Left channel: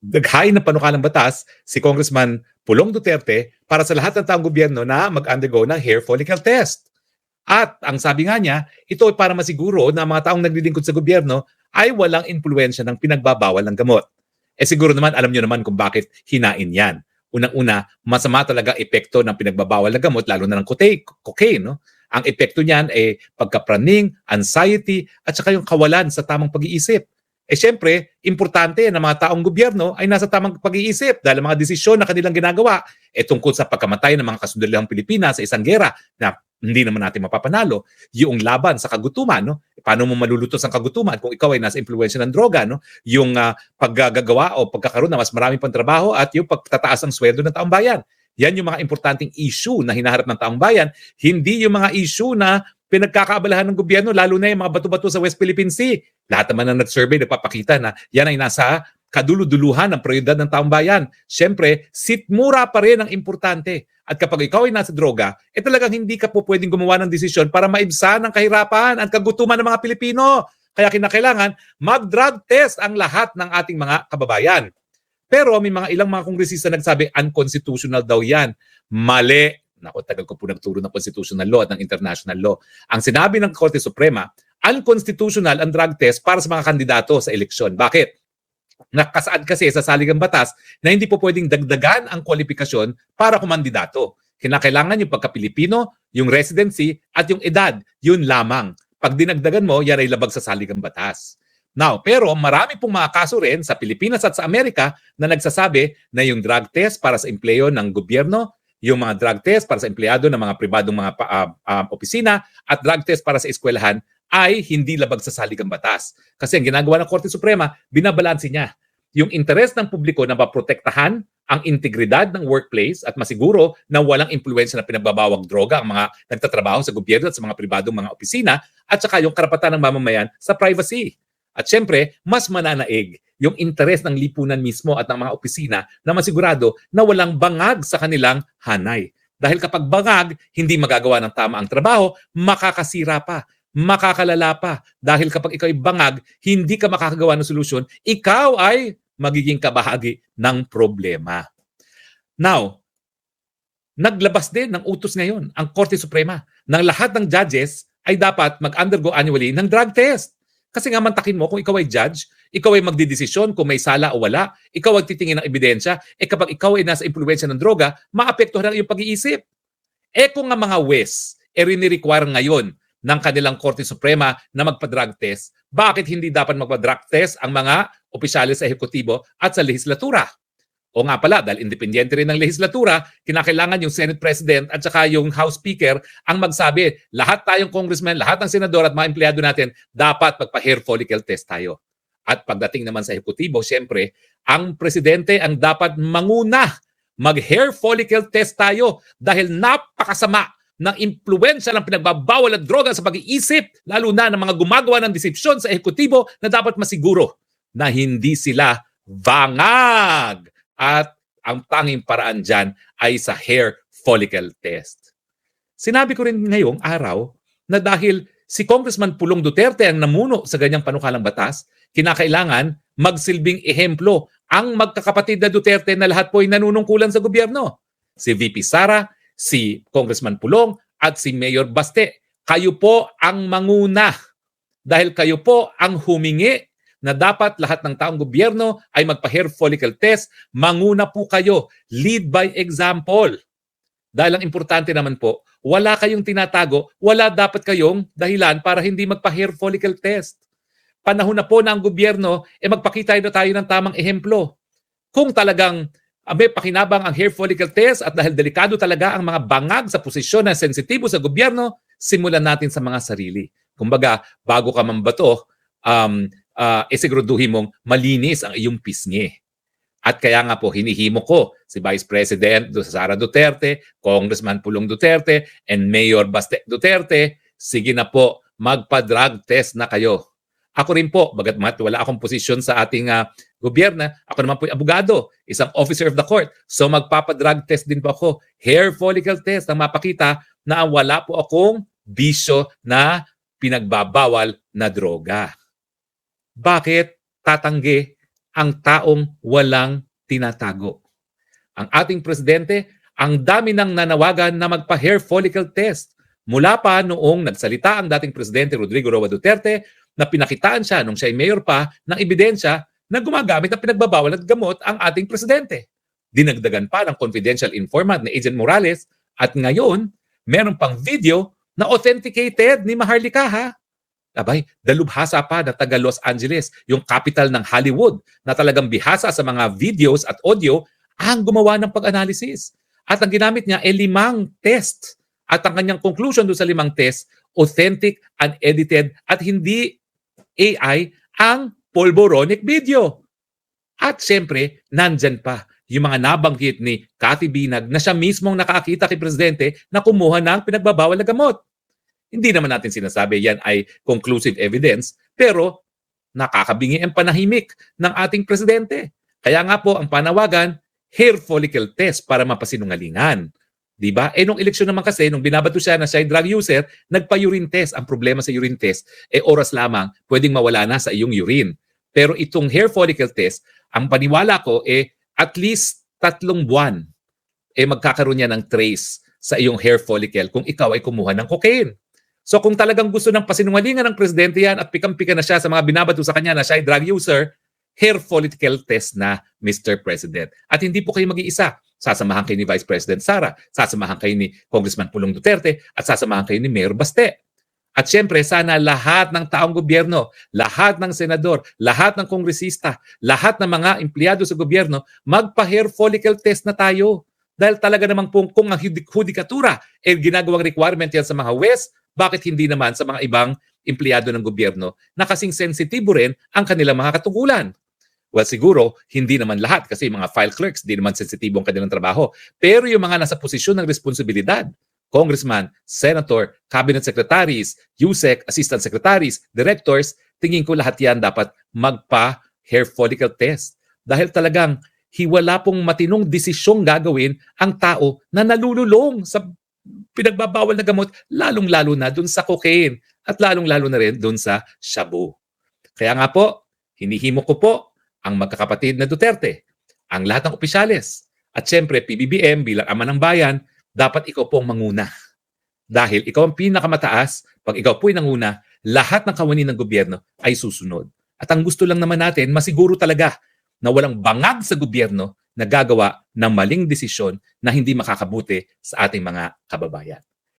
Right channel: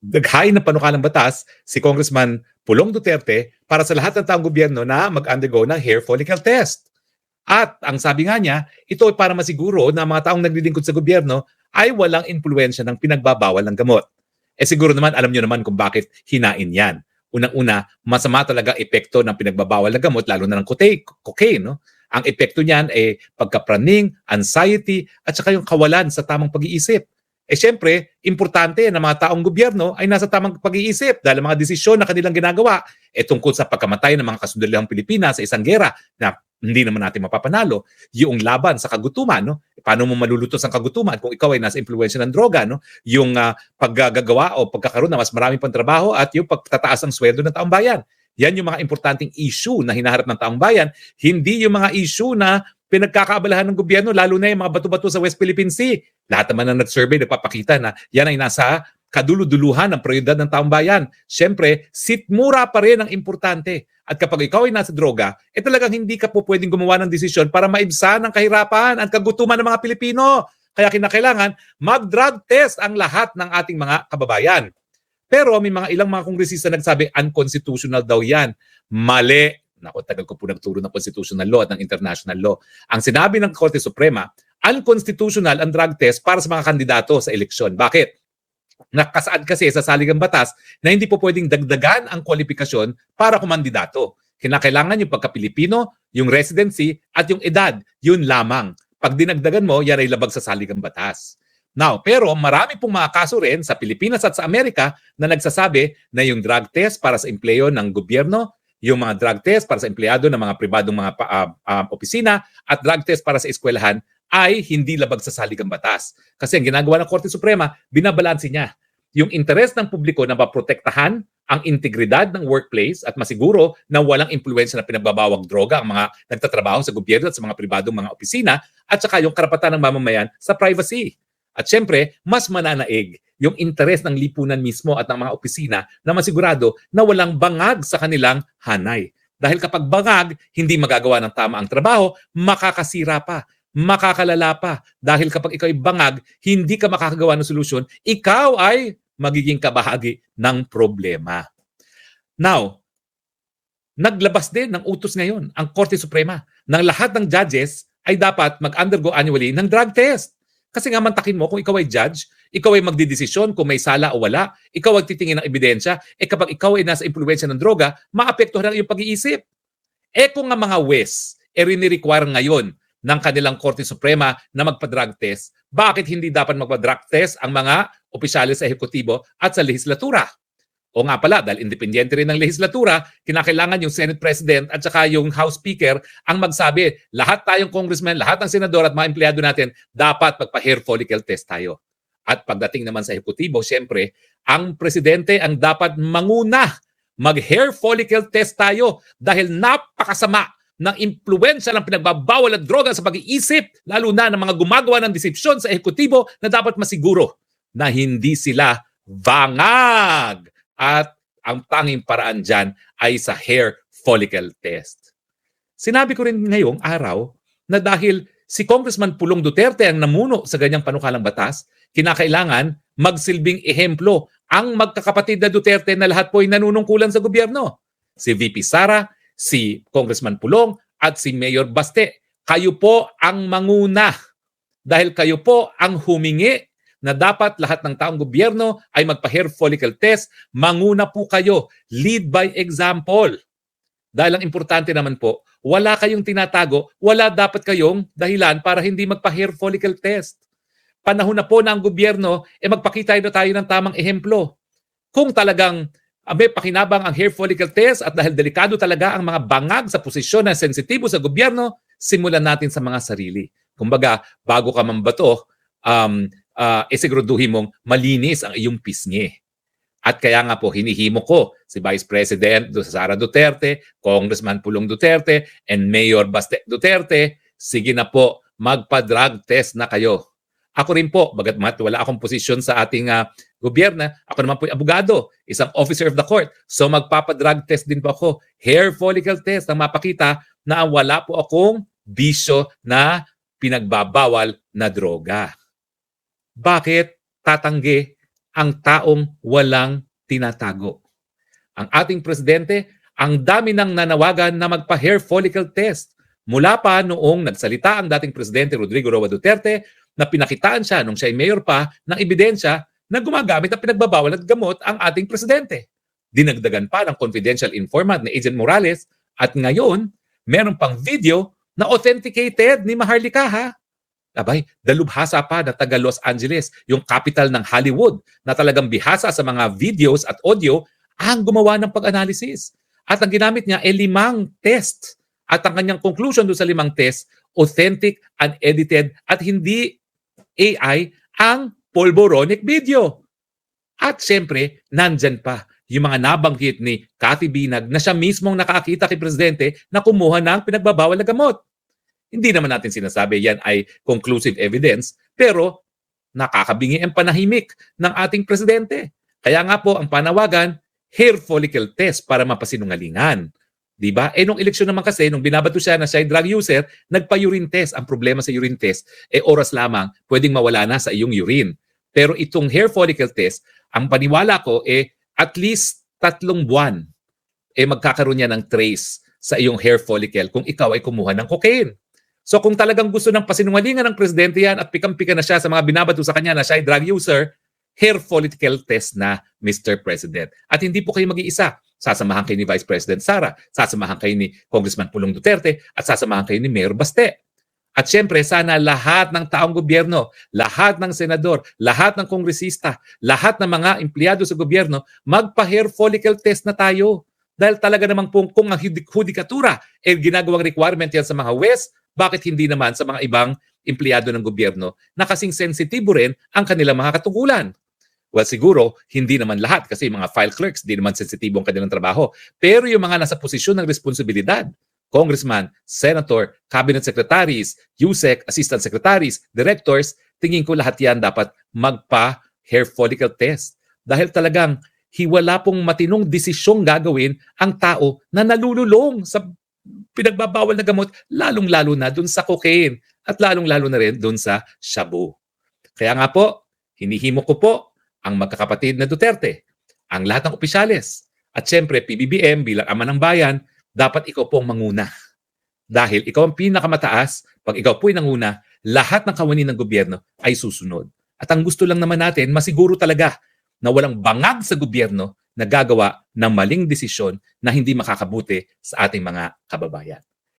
naghain ng panukalang batas si Congressman Pulong Duterte para sa lahat ng taong gobyerno na mag-undergo ng hair follicle test. At ang sabi nga niya, ito ay para masiguro na ang mga taong naglilingkod sa gobyerno ay walang impluensya ng pinagbabawal ng gamot. Siguro naman, alam niyo naman kung bakit hinain yan. Unang-una, masama talaga epekto ng pinagbabawal ng gamot, lalo na ng cocaine. No? Ang epekto niyan ay pagkapraning, anxiety, at saka yung kawalan sa tamang pag-iisip. Siyempre, importante na mga taong gobyerno ay nasa tamang pag-iisip dahil ang mga desisyon na kanilang ginagawa tungkol sa pagkamatay ng mga kasundalihang Pilipinas sa isang gera na hindi naman natin mapapanalo, yung laban sa kagutuman, no? Paano mo malulutos ang kagutuman kung ikaw ay nasa impluwensya ng droga, no? Yung paggagawa o pagkakaroon ng mas maraming pang trabaho at yung pagtataas ng sweldo ng taong bayan. Yan yung mga importanteng issue na hinaharap ng taong bayan. Hindi yung mga issue na pinagkakaabalahan ng gobyerno, lalo na yung mga bato-bato sa West Philippine Sea. Lahat naman ng nag-survey nagpapakita na yan ay nasa kaduluduluhan ng prioridad ng taong bayan. Siyempre, sitmura pa rin ang importante. At kapag ikaw ay nasa droga, talagang hindi ka po pwedeng gumawa ng desisyon para maibsan ang kahirapan, ang kagutuman ng mga Pilipino. Kaya kinakailangan mag-drug test ang lahat ng ating mga kababayan. Pero may mga ilang mga kongresista nagsabi unconstitutional daw yan. Mali. Naku, tagal ko po nagturo ng constitutional law at ng international law. Ang sinabi ng Korte Suprema, unconstitutional ang drug test para sa mga kandidato sa eleksyon. Bakit? Nakasaad kasi sa saligang batas na hindi po pwedeng dagdagan ang kwalifikasyon para kumandidato. Kinakailangan yung pagka-Pilipino, yung residency, at yung edad. Yun lamang. Pag dinagdagan mo, yan ay labag sa saligang batas. Now, pero marami pong mga kaso rin sa Pilipinas at sa Amerika na nagsasabi na yung drug test para sa empleyo ng gobyerno, yung mga drug test para sa empleyado ng mga pribadong mga opisina at drug test para sa eskwelahan ay hindi labag sa saligang batas. Kasi ang ginagawa ng Korte Suprema, binabalanse niya yung interes ng publiko na maprotektahan ang integridad ng workplace at masiguro na walang impluwensya na pinagbabawang droga ang mga nagtatrabaho sa gobyerno at sa mga pribadong mga opisina at saka yung karapatan ng mamamayan sa privacy. At syempre, mas mananaig yung interes ng lipunan mismo at ng mga opisina na masigurado na walang bangag sa kanilang hanay. Dahil kapag bangag, hindi magagawa ng tama ang trabaho, makakasira pa, makakalala pa. Dahil kapag ikaw ay bangag, hindi ka makakagawa ng solusyon, ikaw ay magiging kabahagi ng problema. Now, naglabas din ng utos ngayon ang Korte Suprema na lahat ng judges ay dapat mag-undergo annually ng drug test. Kasi nga mantakin mo kung ikaw ay judge, ikaw ay magdidesisyon kung may sala o wala, ikaw ay titingin ng ebidensya, kapag ikaw ay nasa impluwensya ng droga, maapektuhan ang iyong pag-iisip. Kung nga mga WES, rini-require ngayon ng kanilang Korte Suprema na magpa-drug test, bakit hindi dapat magpa-drug test ang mga opisyalis sa ehekutibo at sa lehislatura? O nga pala, dahil independyente rin ng lehislatura, kinakailangan yung Senate President at saka yung House Speaker ang magsabi, lahat tayong congressman, lahat ng senador at mga empleyado natin, dapat magpa-hair follicle test tayo. At pagdating naman sa ehekutibo, siyempre, ang presidente ang dapat manguna. Mag-hair follicle test tayo dahil napakasama ng impluwensya ng pinagbabawal at droga sa pag-iisip, lalo na ng mga gumagawa ng desisyon sa ehekutibo na dapat masiguro na hindi sila bangag. At ang tanging paraan dyan ay sa hair follicle test. Sinabi ko rin ngayong araw na dahil si Congressman Pulong Duterte ang namuno sa ganyang panukalang batas, kinakailangan magsilbing ehemplo ang magkakapatid na Duterte na lahat po ay nanunungkulan sa gobyerno. Si VP Sara, si Congressman Pulong at si Mayor Baste. Kayo po ang manguna dahil kayo po ang humingi na dapat lahat ng taong gobyerno ay magpa-hair follicle test, manguna po kayo. Lead by example. Dahil ang importante naman po, wala kayong tinatago, wala dapat kayong dahilan para hindi magpa-hair follicle test. Panahon na po na ang gobyerno, magpakita na tayo ng tamang ehemplo. Kung talagang may pakinabang ang hair follicle test at dahil delikado talaga ang mga bangag sa posisyon na sensitibo sa gobyerno, simulan natin sa mga sarili. Kumbaga, bago ka mambato, siguraduhin mong malinis ang iyong pisngi. At kaya nga po, hinihimo ko si Vice President Sara Duterte, Congressman Pulong Duterte, and Mayor Baste Duterte, sige na po, magpa-drug test na kayo. Ako rin po, bagatmat wala akong posisyon sa ating gobyerno, ako naman po ay abogado, isang officer of the court. So magpapa-drug test din po ako. Hair follicle test na mapakita na wala po akong bisyo na pinagbabawal na droga. Bakit tatanggi ang taong walang tinatago. Ang ating presidente, ang dami nang nanawagan na magpa-hair follicle test. Mula pa noong nagsalita ang dating presidente Rodrigo Roa Duterte na pinakitaan siya nung siya ay mayor pa ng ebidensya na gumagamit ng pinagbabawal at gamot ang ating presidente. Dinagdagan pa ng confidential informant na Agent Morales at ngayon, meron pang video na authenticated ni Maharlika ha. Abay, dalubhasa pa na taga Los Angeles, yung capital ng Hollywood, na talagang bihasa sa mga videos at audio ang gumawa ng pag-analysis. At ang ginamit niya ay 5 test. At ang kanyang conclusion doon sa 5 test, authentic, unedited, at hindi AI ang polboronic video. At siyempre, nandyan pa yung mga nabanggit ni Cathy Binag na siya mismong nakakita kay Presidente na kumuha ng pinagbabawal na gamot. Hindi naman natin sinasabi yan ay conclusive evidence, pero nakakabingi ang panahimik ng ating Presidente. Kaya nga po ang panawagan, hair follicle test para mapasinungalingan. Diba? Nung eleksyon naman kasi, nung binabato siya na siya ay drug user, nagpa-urine test. Ang problema sa urine test, oras lamang, pwedeng mawala na sa iyong urine. Pero itong hair follicle test, ang paniwala ko, at least 3 buwan, magkakaroon niya ng trace sa iyong hair follicle kung ikaw ay kumuha ng cocaine. So kung talagang gusto ng pasinungalingan ng presidente yan at pikam-pika na siya sa mga binabato sa kanya na siya ay drug user, hair follicle test na, Mr. President. At hindi po kayo mag-iisa. Sasamahan kayo ni Vice President Sara, sasamahan kayo ni Congressman Pulong Duterte, at sasamahan kayo ni Mayor Baste. At syempre, sana lahat ng taong gobyerno, lahat ng senador, lahat ng kongresista, lahat ng mga empleyado sa gobyerno, magpa-hair follicle test na tayo. Dahil talaga namang kung ang hudikatura ginagawang requirement yan sa mga West, bakit hindi naman sa mga ibang empleyado ng gobyerno na kasing sensitibo rin ang kanilang mga katugulan? Well, siguro, hindi naman lahat kasi mga file clerks, di naman sensitibo ang kanilang trabaho. Pero yung mga nasa posisyon ng responsibilidad, congressman, senator, cabinet secretaries, USEC, assistant secretaries, directors, tingin ko lahat yan dapat magpa-hair follicle test. Dahil talagang wala pong matinong desisyong gagawin ang tao na nalululong sa pinagbabawal na gamot, lalong-lalo na dun sa cocaine at lalong-lalo na rin dun sa shabu. Kaya nga po, hinihimo ko po ang magkakapatid na Duterte, ang lahat ng opisyales, at syempre PBBM bilang ama ng bayan, dapat ikaw po ang manguna. Dahil ikaw ang pinakamataas, pag ikaw po'y nanguna, lahat ng kawani ng gobyerno ay susunod. At ang gusto lang naman natin, masiguro talaga na walang bangag sa gobyerno na gagawa ng maling desisyon na hindi makakabuti sa ating mga kababayan.